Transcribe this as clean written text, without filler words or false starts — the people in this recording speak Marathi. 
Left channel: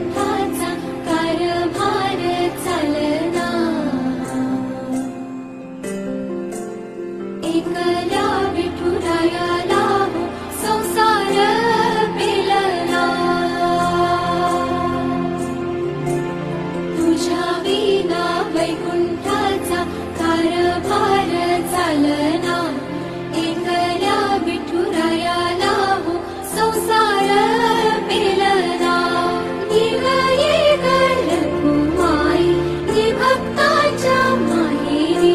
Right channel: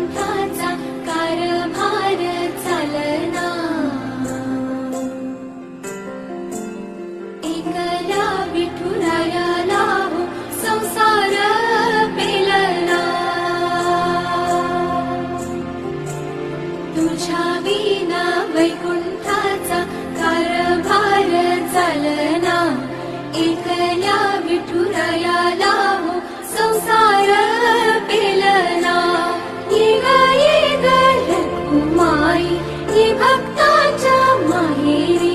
वैकुंठाचा कारभार चालना, एकला विठुरायाला हो संसार पेलना, तुझ्या विना वैकुंठाचा कारभार चालना, एकल्या विठुरायाला हो संसार पेलना. निघाली गरज माई मी भक्ताच्या माहेरी,